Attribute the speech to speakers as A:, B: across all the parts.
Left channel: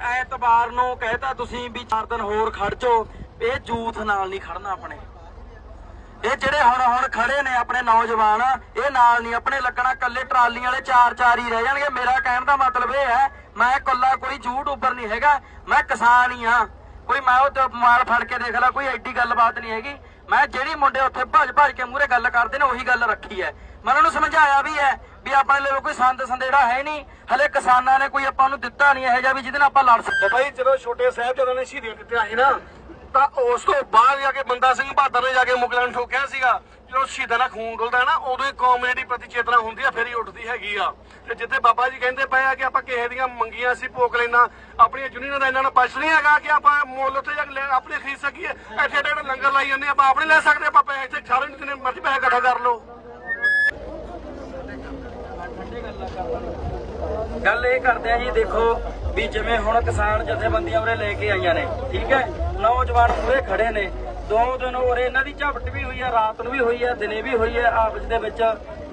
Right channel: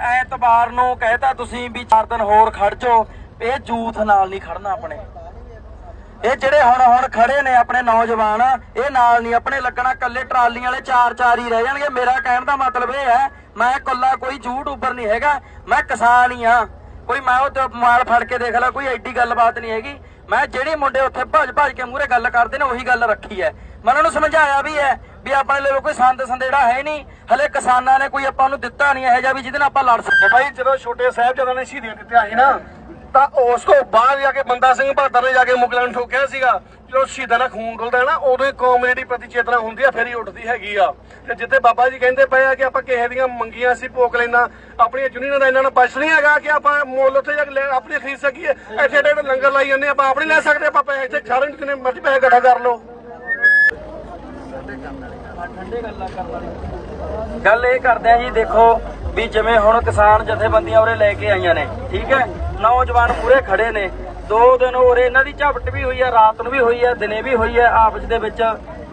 A: ਐਤਵਾਰ ਨੂੰ ਕਹਿਤਾ ਤੁਸੀਂ ਵੀ 4 ਦਿਨ ਹੋਰ ਖੜ ਜਾਓ, ਇਹ ਜੂਥ ਨਾਲ ਨਹੀਂ ਖੜਨਾ ਆਪਣੇ। ਇਹ ਜਿਹੜੇ ਹੁਣ ਹੁਣ ਖੜੇ ਨੇ ਆਪਣੇ ਨੌਜਵਾਨ, ਇਹ ਨਾਲ ਨਹੀਂ ਆਪਣੇ ਲੱਗਣਾ ਕੱਲੇ ਟਰਾਲੀਆਂ ਵਾਲੇ ਚਾਰ ਚਾਰ ਹੀ ਰਹਿ ਜਾਣਗੇ। ਮੇਰਾ ਕਹਿਣ ਦਾ ਮਤਲਬ ਇਹ ਹੈ, ਮੈਂ ਕੱਲਾ ਕੋਈ ਯੂਟਿਊਬਰ ਨਹੀਂ ਹੈਗਾ, ਮੈਂ ਕਿਸਾਨ ਹੀ ਆ ਕੋਈ ਮੈਂ ਉਹ ਮਾਲ ਫੜ ਕੇ ਦੇਖ ਲਾ, ਕੋਈ ਐਡੀ ਗੱਲਬਾਤ ਨਹੀਂ ਹੈਗੀ। ਮੈਂ ਜਿਹੜੇ ਮੁੰਡੇ ਉੱਥੇ ਭੱਜ ਭੱਜ ਕੇ ਮੂਰੇ ਗੱਲ ਕਰਦੇ ਨੇ, ਉਹੀ ਗੱਲ ਰੱਖੀ ਹੈ। ਮੈਂ ਉਹਨਾਂ ਨੂੰ ਸਮਝਾਇਆ ਵੀ ਹੈ ਵੀ ਆਪਣੇ ਲਈ ਕੋਈ ਸੰਦ ਸੰਦੇੜਾ ਹੈ ਨਹੀਂ। ਹਲੇ ਕਿਸਾਨਾਂ ਨੇ ਕੋਈ ਆਪਾਂ ਨੂੰ ਦਿੱਤਾ ਨਹੀਂ ਇਹੋ ਜਿਹਾ ਵੀ ਜਿਹਦੇ ਨਾਲ ਆਪਾਂ ਲੜ ਸਕੀਏ। ਭਾਈ
B: ਜਦੋਂ ਛੋਟੇ ਸਾਹਿਬਜ਼ਾਦਿਆਂ ਨੇ ਸ਼ਹੀਦੀਆਂ ਦਿੱਤੀਆਂ ਸੀ ਨਾ, ਤਾਂ ਉਸ ਤੋਂ ਬਾਅਦ ਜਾ ਕੇ ਬੰਦਾ ਸਿੰਘ ਬਹਾਦਰ ਨੇ ਜਾ ਕੇ ਮੁਗਲਾਂ ਨੂੰ ਠੋਕਿਆ ਸੀਗਾ ਜਦੋਂ ਸ਼ਹੀਦਾਂ ਦਾ ਖੂਨ ਡੁੱਲਦਾ ਨਾ, ਉਦੋਂ ਹੀ ਕੌਮ ਜਿਹੜੀ ਪ੍ਰਤੀ ਚੇਤਨਾ ਹੁੰਦੀ ਆ, ਫਿਰ ਹੀ ਉੱਠਦੀ ਹੈਗੀ ਆ। ਤੇ ਜਿੱਥੇ ਬਾਬਾ ਜੀ ਕਹਿੰਦੇ ਪਏ ਆ ਕਿ ਆਪਾਂ ਕਿਸੇ ਦੀਆਂ ਮੰਗੀਆਂ ਸੀ ਭੋਗ ਲੈਣਾ ਆਪਣੀਆਂ ਜੁਨੀਆਂ ਦਾ ਇਹਨਾਂ ਨਾਲ ਬਚ ਨਹੀਂ ਹੈਗਾ ਕਿ ਆਪਾਂ ਮੁੱਲ ਉੱਥੇ ਜਾ ਕੇ ਆਪਣੀ ਖਰੀਦ ਸਕੀਏ। ਇੱਥੇ ਏਡੇ ਲੰਗਰ ਲਾਈ ਜਾਂਦੇ ਆਪਾਂ ਆਪਣੇ ਲੈ ਸਕਦੇ, ਆਪਾਂ ਪੈਸੇ ਇੱਥੇ ਸਾਰੇ ਜਿੰਨੇ ਮਰਜ਼ੀ ਪੈਸੇ ਇਕੱਠਾ ਕਰ ਲਓ।
A: ਗੱਲ ਇਹ ਕਰਦੇ ਆ ਜੀ, ਦੇਖੋ ਵੀ ਜਿਵੇਂ ਹੁਣ ਕਿਸਾਨ ਜਥੇਬੰਦੀਆਂ ਉਰੇ ਲੈ ਕੇ ਆਈਆਂ ਨੇ, ਠੀਕ ਹੈ? ਨੌਜਵਾਨ ਪੂਰੇ ਖੜੇ ਨੇ। ਦੋ ਦਿਨ ਉਰੇ ਇਹਨਾਂ ਦੀ ਝਪਟ ਵੀ ਹੋਈ ਹੈ ਰਾਤ ਨੂੰ ਵੀ ਹੋਈ ਹੈ ਦਿਨੇ ਵੀ ਹੋਈ ਹੈ ਆਪਸ ਦੇ ਵਿੱਚ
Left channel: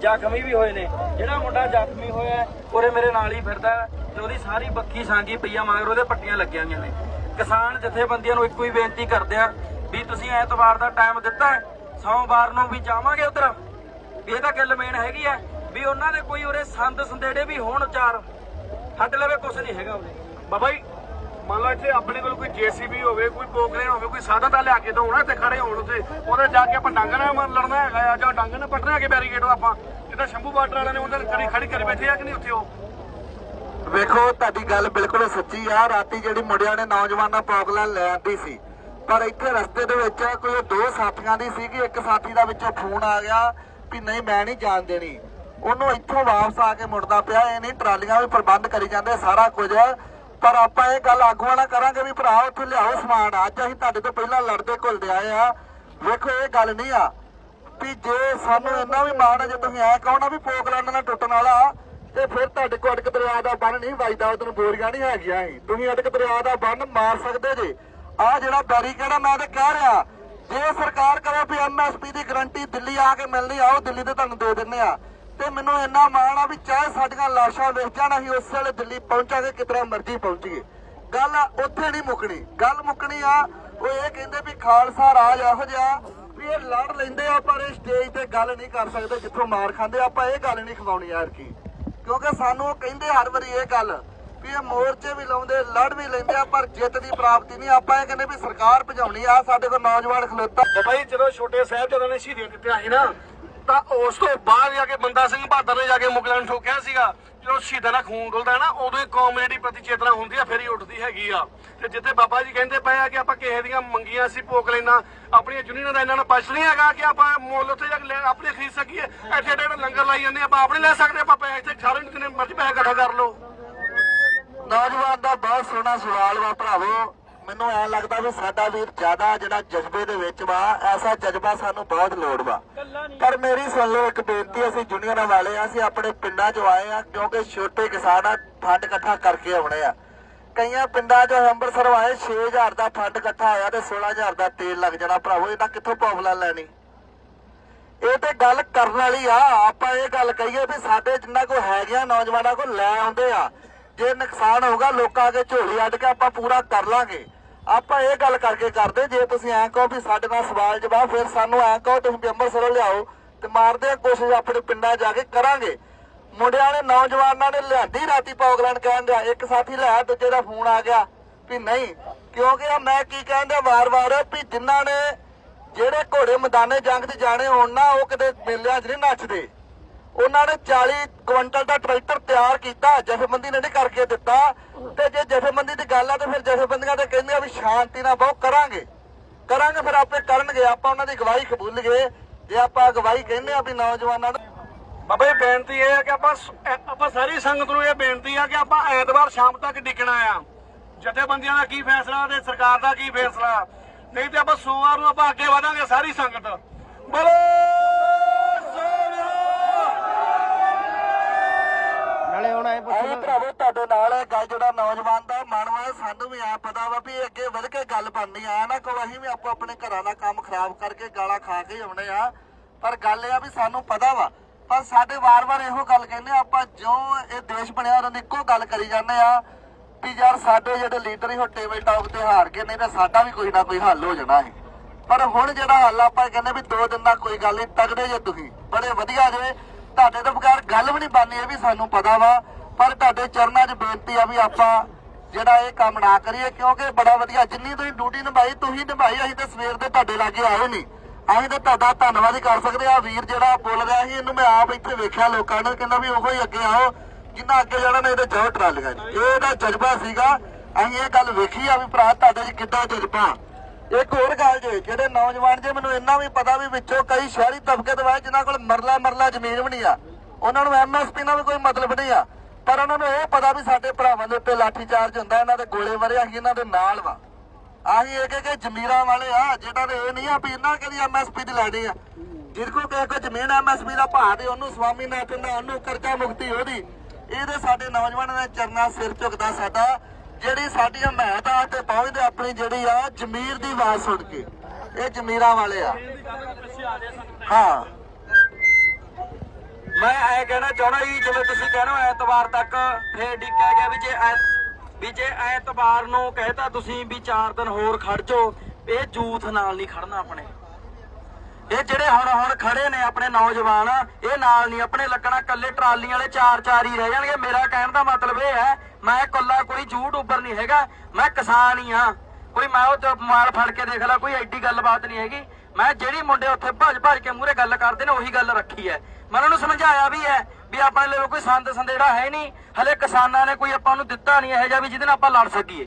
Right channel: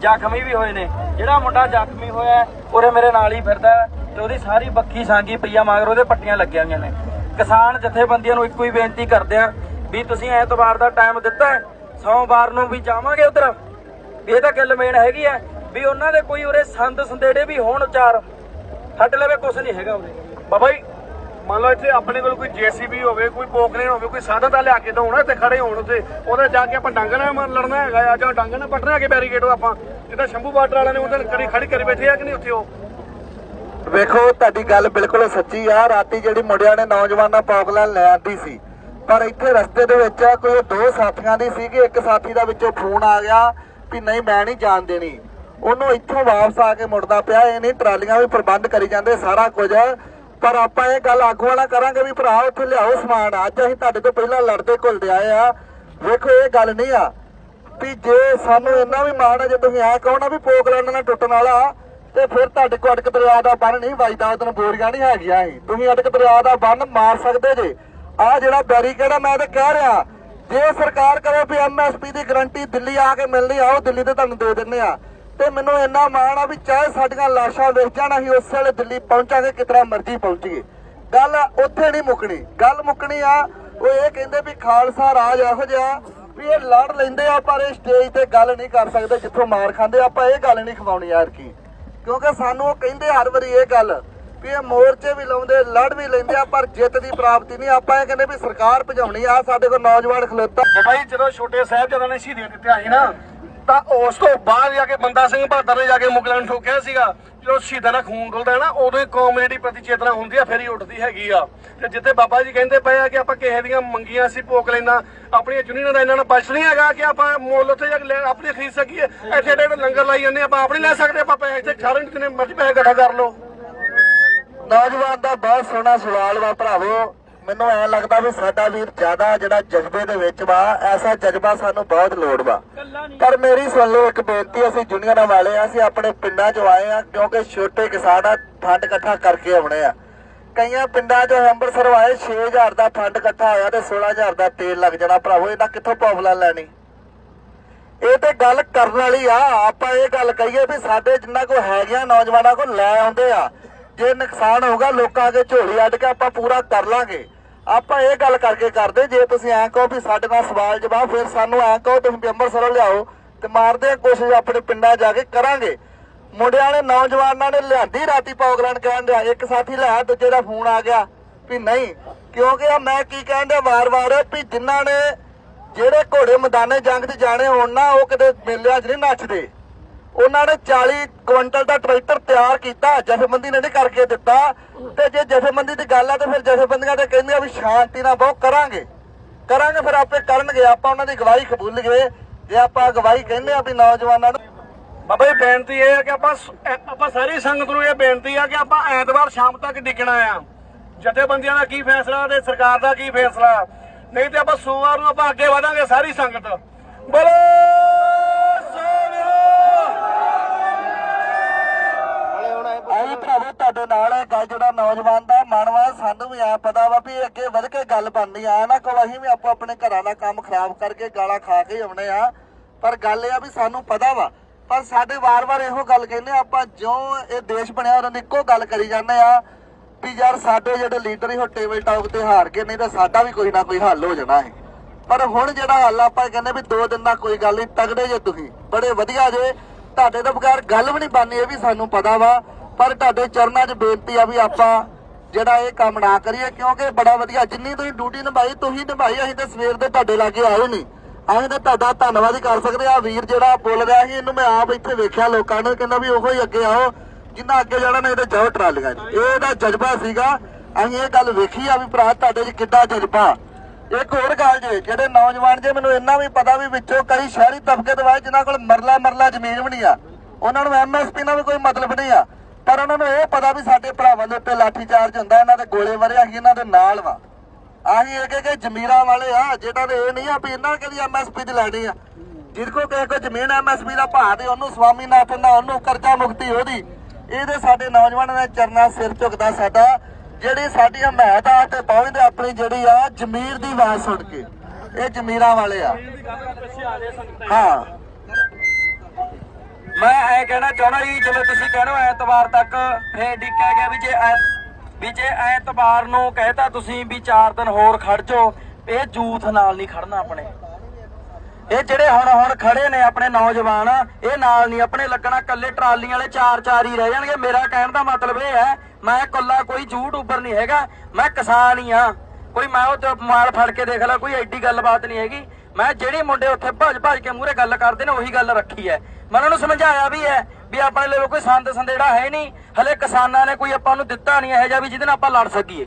A: ਜ਼ਖਮੀ ਵੀ ਹੋਏ ਨੇ। ਜਿਹੜਾ ਮੁੰਡਾ ਜ਼ਖਮੀ ਹੋਇਆ ਉਰੇ ਮੇਰੇ ਨਾਲ ਹੀ ਫਿਰਦਾ ਹੈ ਤੇ ਉਹਦੀ ਸਾਰੀ ਬੱਖੀ ਸਾਂਗੀ ਪਈਆ ਮਗਰ ਉਹਦੇ ਪੱਟੀਆਂ ਲੱਗੀਆਂ ਹੋਈਆਂ ਨੇ। ਕਿਸਾਨ ਜਥੇਬੰਦੀਆਂ ਨੂੰ ਇੱਕੋ ਹੀ ਬੇਨਤੀ ਕਰਦੇ ਆ ਵੀ ਤੁਸੀਂ ਐਤਵਾਰ ਦਾ ਟਾਈਮ ਦਿੱਤਾ ਸੋਮਵਾਰ ਨੂੰ ਵੀ ਜਾਵਾਂਗੇ ਉਧਰ। ਇਹ ਤਾਂ ਗੱਲ ਮੇਨ ਹੈਗੀ ਆ ਵੀ ਉਹਨਾਂ ਦੇ ਕੋਈ ਉਰੇ ਸੰਦ ਸੰਦੇੜੇ ਵੀ ਹੋਣ ਚਾਰ। ਸਾਡੇ ਲਵੇ ਕੁਝ ਨਹੀਂ ਹੈਗਾ
B: ਉਰੇ। ਬਾਬਾ ਜੀ ਮੰਨ ਲਓ ਇੱਥੇ ਆਪਣੇ ਕੋਲ ਕੋਈ ਜੀਸੀਬੀ ਹੋਵੇ ਕੋਈ ਪੋਖਰੇ ਹੋਵੇ ਕੋਈ ਸਾਧਨ ਤਾਂ ਲਿਆ ਕੇ ਤਾਂ ਹੋਣਾ ਇੱਥੇ ਖੜੇ ਹੋਣ ਉੱਤੇ ਉਹਦੇ ਜਾ ਕੇ ਆਪਾਂ ਡੰਗ ਨਾਲ ਮਾਰ ਲੜਨਾ ਹੈਗਾ ਆ ਜਾਂ ਡੰਗ ਨਾਲ ਪੱਟਣਾ ਹੈਗੇ ਬੈਰੀਕੇਡ ਆਪਾਂ। ਜਿੱਦਾਂ ਸ਼ੰਭੂ ਬਾਰਡਰ ਵਾਲਿਆਂ ਨੇ ਉਹਦੇ ਕਰੀ ਖੜੀ ਕਰੀ ਬੈਠੇ ਆ ਕਿ ਨਹੀਂ ਉੱਥੇ ਉਹ?
A: ਵੇਖੋ ਤੁਹਾਡੀ ਗੱਲ ਬਿਲਕੁਲ ਸੱਚੀ ਆ। ਰਾਤੀ ਜਿਹੜੀ ਮੁੰਡਿਆਂ ਨੇ ਨੌਜਵਾਨਾਂ ਪੌਗਲਾਂ ਲੈ ਆਂਦੀ ਸੀ। ਪਰ ਇੱਥੇ ਰਸਤੇ ਦੇ ਵਿੱਚ ਕੋਈ ਦੋ ਸਾਥੀਆਂ ਦੀ ਸੀ ਕਿ ਇੱਕ ਸਾਥੀ ਦਾ ਵਿੱਚੋਂ ਫੋਨ ਆ ਗਿਆ ਵੀ ਨਹੀਂ ਮੈਂ ਨਹੀਂ ਜਾਣ ਦੇਣੀ। ਉਹਨੂੰ ਇੱਥੋਂ ਵਾਪਸ ਆ ਕੇ ਮੁੜਦਾ ਪਿਆ, ਇਹ ਨਹੀਂ ਟਰਾਲੀਆਂ ਵੀ ਪ੍ਰਬੰਧ ਕਰੀ ਜਾਂਦੇ ਸਾਰਾ ਕੁਝ। ਪਰ ਆਪਾਂ ਇਹ ਗੱਲ ਆਗੂ ਵਾਲਾ ਕਰਾਂਗੇ ਵੀ ਭਰਾ, ਉੱਥੇ ਲਿਆਓ ਸਮਾਨ। ਅੱਜ ਅਸੀਂ ਤੁਹਾਡੇ ਤੋਂ ਪਹਿਲਾਂ ਲੜਦੇ ਘੁਲਦੇ ਆਏ ਆ। ਵੇਖੋ, ਇਹ ਗੱਲ ਨਹੀਂ ਆ ਵੀ ਜੇ ਸਾਨੂੰ ਇੰਨਾ ਵੀ ਮਾਣ ਹੈ ਜੇ ਤੁਸੀਂ ਐ ਕਹੋ ਵੀ ਪੋਕਲੈਂਡ ਨਾਲ ਟੁੱਟਣ ਵਾਲਾ, ਤੇ ਫਿਰ ਤੁਹਾਡੇ ਕੋਲ ਅਟਕ ਦਰਿਆ ਦਾ ਬੰਨ ਨਹੀਂ ਵੱਜਦਾ ਉਦੋਂ ਬੋਰੀਆਂ ਨਹੀਂ ਹੈਗੀਆਂ ਸੀ। ਤੁਸੀਂ ਅਟਕ ਦਰਿਆ ਦਾ ਬੰਨ ਮਾਰ ਸਕਦੇ ਜੇ। ਆ ਜਿਹੜਾ ਬੈਰੀਕੇਡ ਆ, ਮੈਂ ਤਾਂ ਕਹਿ ਰਿਹਾ, ਜੇ ਸਰਕਾਰ ਕਰੇ ਵੀ ਐਮਐਸਪੀ ਦੀ ਗਰੰਟੀ ਦਿੱਲੀ ਆ ਕੇ ਮਿਲਣੀ ਆਓ ਦਿੱਲੀ ਤੇ ਤੁਹਾਨੂੰ ਦੇ ਦਿੰਨੇ ਆ। ਤੇ ਮੈਨੂੰ ਇੰਨਾ ਮਾਣ ਆ ਵੀ ਚਾਹੇ ਸਾਡੀਆਂ ਲਾਸ਼ਾਂ ਵੇਖ ਜਾਣ, ਅਸੀਂ ਉਸ ਵੇਲੇ ਦਿੱਲੀ ਪਹੁੰਚਾਂਗੇ ਕਿਤਨਾ ਮਰਜ਼ੀ ਪਹੁੰਚੀਏ। ਗੱਲ ਉੱਥੇ ਨਹੀਂ ਮੁੱਕਣੀ। ਗੱਲ ਮੁੱਕਣੀ ਆ, ਉਹ ਇਹ ਕਹਿੰਦੇ ਵੀ ਖਾਲਸਾ ਰਾਜ ਇਹੋ ਜਿਹਾ ਵੀ ਇਹ ਲੜ ਲੈਂਦੇ ਆ, ਪਰ ਇਹ ਸਟੇਜ ਤੇ ਗੱਲ ਨਹੀਂ ਕਰ ਸਕਦੇ, ਜਿੱਥੋਂ ਮਾਰ ਖਾਂਦੇ ਆਪਾਂ ਇਹ ਗੱਲ ਨਹੀਂ ਖਵਾਉਣੀ, ਯਾਰ ਕੀ? ਕਿਉਂਕਿ ਸਾਨੂੰ ਉਹ ਕਹਿੰਦੇ ਹਰ ਵਾਰੀ ਇਹ ਗੱਲ ਵੀ ਇਹ ਮੋਰਚੇ ਵੀ ਲਾਉਂਦੇ, ਲੜ ਵੀ ਲੈਂਦੇ ਆ, ਪਰ ਜਿੱਤ ਦੀ ਪ੍ਰਾਪਤੀ ਨਹੀਂ। ਆਪਾਂ ਇਹ ਕਹਿੰਦੇ ਵੀ ਸਰਕਾਰ ਭਜਾਉਣੀ ਆ ਸਾਡੇ ਕੋਲ ਨੌਜਵਾਨ ਖਲੋਤਾ।
B: ਬਾਬਾ ਜਦੋਂ ਛੋਟੇ ਸਾਹਿਬਜ਼ਾਦਿਆਂ ਨੇ ਸ਼ਹੀਦੀਆਂ ਦਿੱਤੀਆਂ ਸੀ ਨਾ ਤਾਂ ਉਸ ਤੋਂ ਬਾਅਦ ਜਾ ਕੇ ਬੰਦਾ ਸਿੰਘ ਬਹਾਦਰ ਨੇ ਜਾ ਕੇ ਮੁਗਲਾਂ ਨੂੰ ਠੋਕਿਆ ਸੀਗਾ। ਜਦੋਂ ਸ਼ਹੀਦਾਂ ਦਾ ਖੂਨ ਡੁੱਲਦਾ ਨਾ, ਉਦੋਂ ਹੀ ਕੌਮ ਜਿਹੜੀ ਪ੍ਰਤੀ ਚੇਤਨਾ ਹੁੰਦੀ ਆ, ਫਿਰ ਹੀ ਉੱਠਦੀ ਹੈਗੀ ਆ। ਤੇ ਜਿੱਥੇ ਬਾਬਾ ਜੀ ਕਹਿੰਦੇ ਪਏ ਆ ਕਿ ਆਪਾਂ ਕਿਸੇ ਦੀਆਂ ਮੰਗੀਆਂ ਸੀ ਭੋਗ ਲੈਣਾ ਆਪਣੀਆਂ ਜੁਨੀਆਂ ਦਾ ਇਹਨਾਂ ਨਾਲ ਬਚ ਨਹੀਂ ਹੈਗਾ ਕਿ ਆਪਾਂ ਮੁੱਲ ਉੱਥੇ ਜਾ ਕੇ ਆਪਣੀ ਖਰੀਦ ਸਕੀਏ। ਇੱਥੇ ਏਡੇ ਲੰਗਰ ਲਾਈ ਜਾਂਦੇ ਆਪਾਂ ਆਪਣੇ ਲੈ ਸਕਦੇ, ਆਪਾਂ ਪੈਸੇ ਇੱਥੇ ਸਾਰੇ ਜਿੰਨੇ ਮਰਜ਼ੀ ਪੈਸੇ ਇਕੱਠਾ ਕਰ ਲਓ।
A: ਨੌਜਵਾਨ ਦਾ ਬਹੁਤ ਸੋਹਣਾ ਸਵਾਲ ਵਾ ਭਰਾਵੋ। ਮੈਨੂੰ ਐ ਲੱਗਦਾ ਵੀ ਸਾਡਾ ਵੀਰ ਜ਼ਿਆਦਾ ਜਿਹੜਾ ਜਜ਼ਬੇ ਦੇ ਵਿੱਚ ਵਾ, ਐਸਾ ਜਜ਼ਬਾ ਸਾਨੂੰ ਬਹੁਤ ਲੋੜ ਵਾ। ਪਰ ਮੇਰੀ ਸੁਣ ਲਓ, ਇੱਕ ਬੇਨਤੀ, ਅਸੀਂ ਜੁਨੀਅਰਾਂ ਵਾਲੇ ਆ, ਅਸੀਂ ਆਪਣੇ ਪਿੰਡਾਂ 'ਚੋਂ ਆਏ ਆ, ਕਿਉਂਕਿ ਛੋਟੇ ਕਿਸਾਨ ਆ, ਫੰਡ ਇਕੱਠਾ ਕਰਕੇ ਆਉਣੇ ਆ। ਕਈਆਂ ਪਿੰਡਾਂ 'ਚੋਂ ਅੰਮ੍ਰਿਤਸਰ ਆਏ 6000 ਦਾ ਫੰਡ ਇਕੱਠਾ ਹੋਇਆ ਤੇ 16000 ਦਾ ਤੇਲ ਲੱਗ ਜਾਣਾ। ਭਰਾਵੋ ਇਹਦਾ ਕਿੱਥੋਂ ਪੌਪਲਾ ਲੈਣੀ? ਇਹ ਤੇ ਗੱਲ ਕਰਨ ਵਾਲੀ ਆ। ਆਪਾਂ ਇਹ ਗੱਲ ਕਹੀਏ ਵੀ ਸਾਡੇ ਜਿੰਨਾ ਕੋ ਹੈਗੀਆਂ ਨੌਜਵਾਨਾਂ ਕੋ ਲੈ ਆਉਂਦੇ ਆ। ਜੇ ਨੁਕਸਾਨ ਹੋਗਾ ਲੋਕਾਂ ਅੱਗੇ ਝੋਲੀ ਅੱਡ ਕੇ ਆਪਾਂ ਪੂਰਾ ਕਰ ਲਾਂਗੇ। ਆਪਾਂ ਇਹ ਗੱਲ ਕਰਕੇ ਕਰਦੇ, ਜੇ ਤੁਸੀਂ ਐਂ ਕਹੋ ਵੀ ਸਾਡੇ ਨਾਲ ਸਵਾਲ ਜਵਾਬ, ਫਿਰ ਸਾਨੂੰ ਐਂ ਕਹੋ ਤੁਸੀਂ ਵੀ ਅੰਮ੍ਰਿਤਸਰੋਂ ਲਿਆਓ ਤੇ ਮਾਰਦੇ ਆ ਕੋਸ਼ਿਸ਼ ਆਪਣੇ ਪਿੰਡਾਂ ਜਾ ਕੇ ਕਰਾਂਗੇ। ਮੁੰਡਿਆਂ ਨੇ ਨੌਜਵਾਨਾਂ ਨੇ ਲਿਆਂਦੀ ਰਾਤੀ ਪੌਗਲੈਂਡ ਕਹਿਣ ਦਿਆ, ਇੱਕ ਸਾਥੀ ਲਿਆ, ਦੂਜੇ ਦਾ ਫੋਨ ਆ ਗਿਆ ਵੀ ਨਹੀਂ, ਕਿਉਂਕਿ ਆ ਮੈਂ ਕੀ ਕਹਿਣ ਦਿਆ ਵਾਰ-ਵਾਰ ਵੀ ਜਿਨ੍ਹਾਂ ਨੇ ਜਿਹੜੇ ਘੋੜੇ ਮੈਦਾਨੇ ਜੰਗ 'ਚ ਜਾਣੇ ਹੋਣ ਨਾ, ਉਹ ਕਿਤੇ ਮੇਲਿਆਂ 'ਚ ਨਹੀਂ ਨੱਚਦੇ। ਉਹਨਾਂ ਨੇ 40 ਕੁਇੰਟਲ ਦਾ ਟਰੈਕਟਰ ਤਿਆਰ ਕੀਤਾ, ਜਥੇਬੰਦੀ ਨੇ ਨਹੀਂ ਕਰਕੇ ਦਿੱਤਾ। ਤੇ ਜੇ ਜਥੇਬੰਦੀ ਦੀ ਗੱਲ ਆ, ਤੇ ਫਿਰ ਜਥੇਬੰਦੀਆਂ ਤੇ ਕਹਿੰਦੇ ਵੀ ਸ਼ਾਂਤੀ ਨਾਲ ਬਹੁਤ ਕਰਾਂਗੇ। ਕਰਾਂਗੇ, ਫਿਰ ਆਪੇ ਕਰਨਗੇ। ਆਪਾਂ ਉਹਨਾਂ ਦੀ ਗਵਾਹੀ ਕਬੂਲ ਗਏ। ਜੇ ਆਪਾਂ ਗਵਾਹੀ ਕਹਿੰਦੇ ਆ ਵੀ ਨੌਜਵਾਨਾਂ ਨੂੰ ਬਾਬਾ ਜੀ, ਬੇਨਤੀ ਇਹ ਹੈ ਕਿ ਆਪਾਂ ਆਪਾਂ ਸਾਰੀ ਸੰਗਤ ਨੂੰ ਇਹ ਬੇਨਤੀ ਆ ਕਿ ਆਪਾਂ ਐਤਵਾਰ ਸ਼ਾਮ ਤੱਕ ਡਿੱਗਣਾ ਆ। ਜਥੇਬੰਦੀਆਂ ਦਾ ਕੀ ਫੈਸਲਾ ਤੇ ਸਰਕਾਰ ਦਾ ਕੀ ਫੈਸਲਾ? ਨਹੀਂ ਤੇ ਆਪਾਂ ਸੋਮਵਾਰ ਨੂੰ ਆਪਾਂ ਅੱਗੇ ਵਧਾਂਗੇ ਸਾਰੀ ਸੰਗਤ। ਬੋਲੋ! ਆਈ ਭਰਾਵੋ ਤੁਹਾਡੇ ਨਾਲ ਇਹ ਗੱਲ ਜਿਹੜਾ ਨੌਜਵਾਨ ਦਾ ਮਨ ਵਾ ਸਾਨੂੰ ਵੀ ਆ ਪਤਾ ਵਾ ਵੀ ਅੱਗੇ ਵਧ ਕੇ ਗੱਲ ਬਣਨੀ ਆ। ਨਾ ਕੋਲ ਅਸੀਂ ਵੀ ਆਪੋ ਆਪਣੇ ਘਰਾਂ ਦਾ ਕੰਮ ਖਰਾਬ ਕਰਕੇ ਗਾਲਾਂ ਖਾ ਕੇ ਆਉਣੇ ਆ। ਪਰ ਗੱਲ ਇਹ ਆ ਵੀ ਸਾਨੂੰ ਪਤਾ ਵਾ। ਪਰ ਸਾਡੇ ਵਾਰ-ਵਾਰ ਇਹੋ ਗੱਲ ਕਹਿੰਦੇ ਆ, ਆਪਾਂ ਜਿਉਂ ਇਹ ਦੇਸ਼ ਬਣਿਆ ਉਹਨਾਂ ਦੀ ਇੱਕੋ ਗੱਲ ਕਰੀ ਜਾਂਦੇ ਆ ਕਿ ਯਾਰ ਸਾਡੇ ਜਿਹੜੇ ਲੀਡਰ ਹੀ ਉਹ ਟੇਬਲ ਟਾਕ ਤੇ ਹਾਰ ਗਏ ਨਹੀਂ ਤੇ ਸਾਡਾ ਵੀ ਕੋਈ ਨਾ ਕੋਈ ਹੱਲ ਹੋ ਜਾਣਾ ਹੈ ਪਰ ਹੁਣ ਜਿਹੜਾ ਹੱਲ ਆਪਾਂ ਕਹਿੰਦੇ ਵੀ ਦੋ ਦਿਨ ਦਾ ਕੋਈ ਗੱਲ ਨਹੀਂ ਤਗੜੇ ਜੇ ਤੁਸੀਂ। ਬੜੇ ਵਧੀਆ ਜੇ। ਤੁਹਾਡੇ ਤੋਂ ਬਗੈਰ ਗੱਲ ਵੀ ਨਹੀਂ ਬਣਨੀ ਇਹ ਵੀ ਸਾਨੂੰ ਪਤਾ ਵਾ। ਪਰ ਤੁਹਾਡੇ ਚਰਨਾਂ 'ਚ ਬੇਨਤੀ ਆ ਵੀ ਆਪਾਂ ਜਿਹੜਾ ਇਹ ਕੰਮ ਨਾ ਕਰੀਏ, ਕਿਉਂਕਿ ਬੜਾ ਵਧੀਆ, ਜਿੰਨੀ ਤੁਸੀਂ ਡਿਊਟੀ ਨਿਭਾਈ, ਤੁਸੀਂ ਨਿਭਾਈ, ਅਸੀਂ ਤਾਂ ਸਵੇਰ ਦੇ ਤੁਹਾਡੇ ਲਾਗੇ ਆਏ ਨਹੀਂ ਅਸੀਂ ਤਾਂ ਤੁਹਾਡਾ ਧੰਨਵਾਦ ਹੀ ਕਰ ਸਕਦੇ ਆ। ਵੀਰ ਜਿਹੜਾ ਬੋਲ ਰਿਹਾ ਸੀ, ਇਹਨੂੰ ਮੈਂ ਆਪ ਇੱਥੇ ਵੇਖਿਆ, ਲੋਕਾਂ ਨੂੰ ਕਹਿੰਦਾ ਵੀ ਉਹੋ ਹੀ ਅੱਗੇ ਆਓ, ਜਿੰਨਾ ਅੱਗੇ ਜਾਣਾ ਨਹੀਂ ਤੇ ਜਾਓ ਟਰਾਲੀਆਂ 'ਚ। ਇਹਦਾ ਜਜ਼ਬਾ ਸੀਗਾ। ਅਸੀਂ ਇਹ ਗੱਲ ਵੇਖੀ ਆ ਵੀ ਭਰਾ, ਤੁਹਾਡੇ 'ਚ ਕਿੱਦਾਂ ਜਜ਼ਬਾ। ਇੱਕ ਹੋਰ ਗੱਲ ਜੇ, ਜਿਹੜੇ ਨੌਜਵਾਨ ਜੇ, ਮੈਨੂੰ ਇੰਨਾ ਵੀ ਪਤਾ ਵੀ ਵਿੱਚੋਂ ਕਈ ਸ਼ਹਿਰੀ ਤਬਕੇ ਦੇ ਵਾਏ ਜਿਨ੍ਹਾਂ ਕੋਲ ਮਰਲਾ ਮਰਲਾ ਜ਼ਮੀਨ ਵੀ ਨਹੀਂ ਆ। ਉਹਨਾਂ ਨੂੰ ਐਮਐਸਪੀ ਨਾਲ ਵੀ ਕੋਈ ਮਤਲਬ ਨਹੀਂ ਆ। ਪਰ ਉਹਨਾਂ ਨੂੰ ਇਹ ਪਤਾ ਵੀ ਸਾਡੇ ਭਰਾਵਾਂ ਦੇ ਉੱਤੇ ਲਾਠੀ ਚਾਰਜ ਹੁੰਦਾ, ਇਹਨਾਂ ਦੇ ਗੋਲੇ ਵਰੇ ਅਸੀਂ ਇਹਨਾਂ ਦੇ ਨਾਲ ਵਾ। ਆਹੀ ਇੱਕ ਇੱਕ ਜ਼ਮੀਰਾਂ ਵਾਲੇ ਆ ਜਿਹੜਾ ਤੇ ਇਹ ਨਹੀਂ ਆ ਵੀ ਇਹਨਾਂ ਕਦੀ ਐਮਐਸਪੀ ਦੀ ਲੈਣੀ ਆ। ਜਿਹਦੇ ਕੋ ਕਿਸੇ ਕੋ ਜ਼ਮੀਨ ਐਮਐਸਪੀ ਦਾ ਭਾਅ ਤੇ ਉਹਨੂੰ ਸਵਾਮੀਨਾਥਨ ਦਾ ਉਹਨੂੰ ਕਰਜ਼ਾ ਮੁਕਤੀ ਉਹਦੀ ਇਹਦੇ ਸਾਡੇ ਨੌਜਵਾਨਾਂ ਦੇ ਚਰਨਾ ਸਿਰ ਝੁਕਦਾ ਸਾਡਾ। ਜਿਹੜੀ ਸਾਡੀ ਹਮਾਇਤ ਆ ਤੇ ਪਹੁੰਚਦੇ ਆਪਣੀ ਜਿਹੜੀ ਆ ਜ਼ਮੀਰ ਦੀ ਆਵਾਜ਼ ਸੁਣ ਕੇ, ਇਹ ਜ਼ਮੀਰਾਂ ਵਾਲੇ ਆ। ਹਾਂ। ਮੈਂ ਇਹ ਕਹਿਣਾ ਚਾਹਣਾ ਜੀ, ਜਿਵੇਂ ਤੁਸੀਂ ਕਹਿ ਰਹੇ ਹੋ ਐਤਵਾਰ ਤੱਕ, ਫੇਰ ਡਿੱਕਿਆ ਗਿਆ ਵੀ ਜੇ ਵੀ ਜੇ ਐਤਵਾਰ ਨੂੰ ਕਹਿਤਾ ਤੁਸੀਂ ਵੀ 4 ਦਿਨ ਹੋਰ ਖੜ ਜਾਓ। ਇਹ ਜੂਥ ਨਾਲ ਨਹੀਂ ਖੜਨਾ ਆਪਣੇ। ਇਹ ਜਿਹੜੇ ਹੁਣ ਹੁਣ ਖੜੇ ਨੇ ਆਪਣੇ ਨੌਜਵਾਨ, ਇਹ ਨਾਲ ਨਹੀਂ ਆਪਣੇ ਲੱਗਣਾ। ਕੱਲੇ ਟਰਾਲੀਆਂ ਵਾਲੇ ਚਾਰ ਚਾਰ ਹੀ ਰਹਿ ਜਾਣਗੇ। ਮੇਰਾ ਕਹਿਣ ਦਾ ਮਤਲਬ ਇਹ ਹੈ, ਮੈਂ ਕੱਲਾ ਕੋਈ ਯੂਟਿਊਬਰ ਨਹੀਂ ਹੈਗਾ। ਮੈਂ ਕਿਸਾਨ ਹੀ ਆ ਕੋਈ ਮੈਂ ਉਹ ਮਾਲ ਫੜ ਕੇ ਦੇਖ ਲਾ, ਕੋਈ ਐਡੀ ਗੱਲਬਾਤ ਨਹੀਂ ਹੈਗੀ। ਮੈਂ ਜਿਹੜੇ ਮੁੰਡੇ ਉੱਥੇ ਭੱਜ ਭੱਜ ਕੇ ਮੂਹਰੇ ਗੱਲ ਕਰਦੇ ਨੇ, ਉਹੀ ਗੱਲ ਰੱਖੀ ਹੈ। ਮੈਂ ਉਹਨਾਂ ਨੂੰ ਸਮਝਾਇਆ ਵੀ ਹੈ ਵੀ ਆਪਣੇ ਲਈ ਕੋਈ ਸੰਦ ਸੰਦੇੜਾ ਹੈ ਨਹੀਂ। ਹਲੇ ਕਿਸਾਨਾਂ ਨੇ ਕੋਈ ਆਪਾਂ ਨੂੰ ਦਿੱਤਾ ਨਹੀਂ ਇਹੋ ਜਿਹਾ ਵੀ ਜਿਹਦੇ ਨਾਲ ਆਪਾਂ ਲੜ ਸਕੀਏ।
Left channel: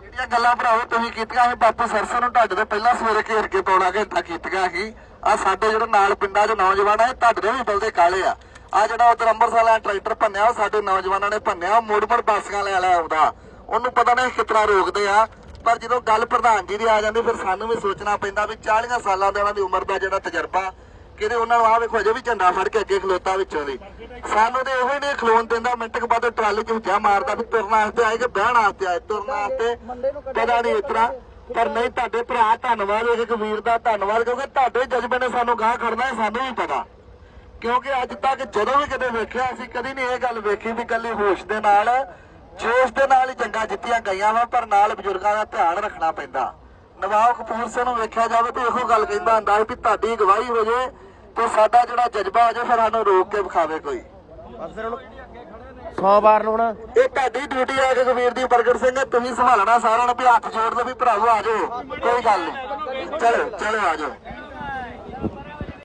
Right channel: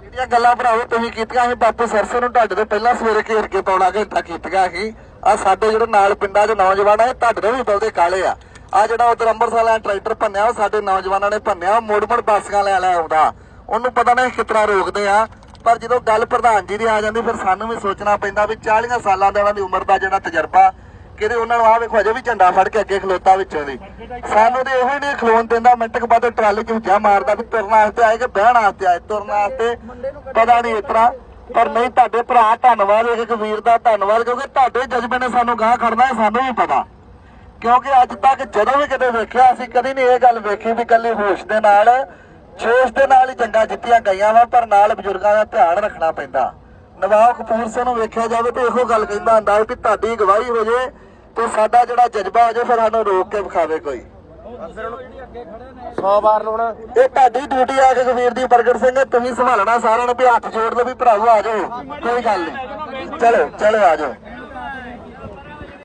A: ਜਿਹੜੀਆਂ ਗੱਲਾਂ ਭਰਾਵੋ ਤੁਸੀਂ ਕੀਤੀਆਂ ਸੀ, ਬਾਪੂ ਸਰਸੋਂ ਨੂੰ ਤੁਹਾਡੇ ਤੋਂ ਪਹਿਲਾਂ ਸਵੇਰੇ ਘੇਰ ਕੇ ਪਾਉਣਾ ਘੰਟਾ ਕੀਤੀਆਂ ਸੀ। ਆ ਸਾਡੇ ਜਿਹੜੇ ਨਾਲ ਪਿੰਡਾਂ 'ਚ ਨੌਜਵਾਨ ਆ, ਇਹ ਤੁਹਾਡੇ ਬਲਦੇ ਕਾਲੇ ਆ। ਆ ਜਿਹੜਾ ਉਧਰ ਅੰਮ੍ਰਿਤਸਰ ਵਾਲਾ ਟਰੈਕਟਰ ਭੰਨਿਆ, ਉਹ ਸਾਡੇ ਨੌਜਵਾਨਾਂ ਨੇ ਭੰਨਿਆ, ਉਹ ਮੋੜ ਮੋੜ ਬਾਸੀਆਂ ਲੈ ਲੈ ਆਉਂਦਾ। ਉਹਨੂੰ ਪਤਾ ਨਹੀਂ ਕਿਤਨਾ ਰੋਕਦੇ ਆ। ਪਰ ਜਦੋਂ ਗੱਲ ਪ੍ਰਧਾਨ ਜੀ ਦੀ ਆ ਜਾਂਦੀ, ਫਿਰ ਸਾਨੂੰ ਵੀ ਸੋਚਣਾ ਪੈਂਦਾ ਵੀ 40 ਸਾਲਾਂ ਦਾ ਉਹਨਾਂ ਦੀ ਉਮਰ ਦਾ ਜਿਹੜਾ ਤਜਰਬਾ, ਕਿਤੇ ਉਹਨਾਂ ਨੂੰ ਆ ਵੇਖੋ, ਅਜੇ ਵੀ ਝੰਡਾ ਫੜ ਕੇ ਅੱਗੇ ਖਲੋਤਾ ਵਿੱਚੋਂ ਦੀ। ਸਾਨੂੰ ਤੇ ਇਹੋ ਨਹੀਂ ਖਲੋਣ ਦਿੰਦਾ ਮਿੰਟ ਕੁ ਬਾਅਦ ਟਰਾਲੀ ਚ ਝਾ ਮਾਰਦਾ ਵੀ ਤੁਰਨ ਵਾਸਤੇ ਆਏ ਕਿ ਬਹਿਣ ਵਾਸਤੇ ਆਏ, ਤੁਰਨ ਵਾਸਤੇ ਪਤਾ ਨਹੀਂ ਇਤਰਾ ਪਰ ਨਹੀਂ, ਤੁਹਾਡੇ ਭਰਾ ਧੰਨਵਾਦ ਇੱਕ ਵੀਰ ਦਾ ਧੰਨਵਾਦ, ਕਿਉਂਕਿ ਤੁਹਾਡੇ ਜਜ਼ਬੇ ਨੇ ਸਾਨੂੰ ਗਾਹ ਖੜਨਾ ਹੈ, ਸਾਨੂੰ ਵੀ ਪਤਾ। ਕਿਉਂਕਿ ਅੱਜ ਤੱਕ ਜਦੋਂ ਵੀ ਕਿਤੇ ਵੇਖਿਆ, ਅਸੀਂ ਕਦੀ ਨਹੀਂ ਇਹ ਗੱਲ ਵੇਖੀ ਵੀ ਕੱਲੇ ਹੋਸ਼ ਦੇ ਨਾਲ ਜੋਸ਼ ਦੇ ਨਾਲ ਹੀ ਜੰਗਾਂ ਜਿੱਤੀਆਂ ਗਈਆਂ ਵਾ, ਪਰ ਨਾਲ ਬਜ਼ੁਰਗਾਂ ਦਾ ਧਿਆਨ ਰੱਖਣਾ ਪੈਂਦਾ। ਨਵਾਬ ਕਪੂਰ ਸਿੰਘ ਨੂੰ ਵੇਖਿਆ ਜਾਵੇ ਤੇ ਇਹੋ ਗੱਲ ਕਹਿੰਦਾ ਹੁੰਦਾ ਵੀ ਤੁਹਾਡੀ ਗਵਾਹੀ ਹੋ ਜੇ ਤੇ ਸਾਡਾ ਜਿਹੜਾ ਜਜ਼ਬਾ ਹੋ ਜੇ ਫਿਰ ਸਾਨੂੰ ਰੋਕ ਕੇ ਵਿਖਾਵੇ ਕੋਈ। ਇਹ ਤੁਹਾਡੀ ਡਿਊਟੀ ਆ ਕਿ ਕਬੀਰ ਦੀ, ਪ੍ਰਗਟ ਸਿੰਘ ਤੁਸੀਂ ਸੰਭਾਲਣਾ ਸਾਰਿਆਂ ਨੂੰ ਵੀ ਹੱਥ ਜੋੜ ਲਓ ਵੀ ਭਰਾਵੋ ਆ ਜਾਓ, ਕੋਈ ਗੱਲ ਨਹੀਂ। ਚਲੋ ਚਲੋ ਆ ਜਾਓ।